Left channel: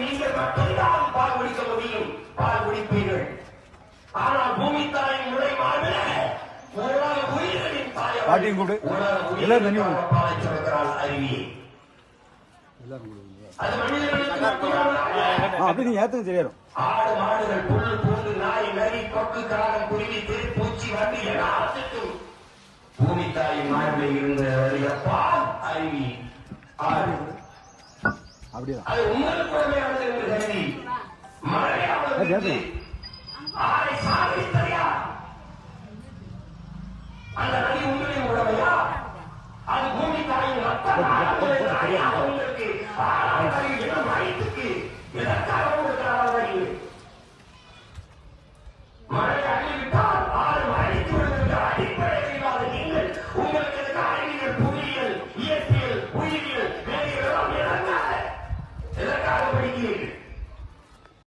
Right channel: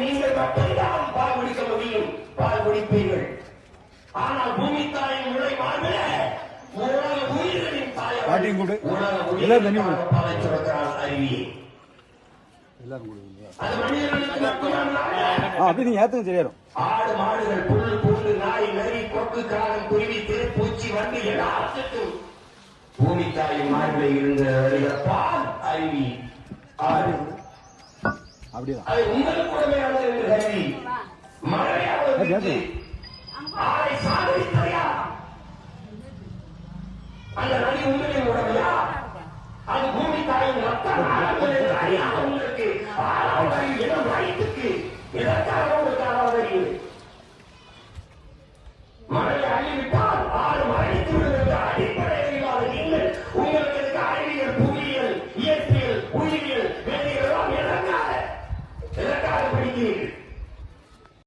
நீங்கள் மட்டும்தான் பால் குடிக்க முடியும், பால் குடிப்பீர்கள். ஆனால் பூமி தாயின் நுழைவாக உலக உயிர்களின் தாய் அறிவியை அப்படி நீங்க ஏத்துங்க தெரியும். ஆடு மாடுகள் புல் பூண்டு நாய் நரி கொக்கு காகம் குருவி தேர் பூச்சி வண்டி எல்லாத்துக்கும் பூமி தாயின் மாடுகளில் இருந்த பால் அறிவி அப்படியா அது உங்களுக்கு உடமையானது என்று கருதி மழையாவது ஆடை சாதித்ததையா அந்த நதி உங்களின் உடமையா? அது பூமி தாயின் ரத்தம் உங்களுக்கு எனும் வயிற்றுக்கு இதற்காக உங்களுக்கு மழை அறிவித்தால் ஆறு மழைத்து விடுகின்ற அடிப்படையில் இல்லாத நீங்கள் உங்களுக்கு இருக்க அறிவியல் புவியியல் இயற்பியல் உயிரியல் எல்லாம் இதற்காக படிக்கிறீர்கள்.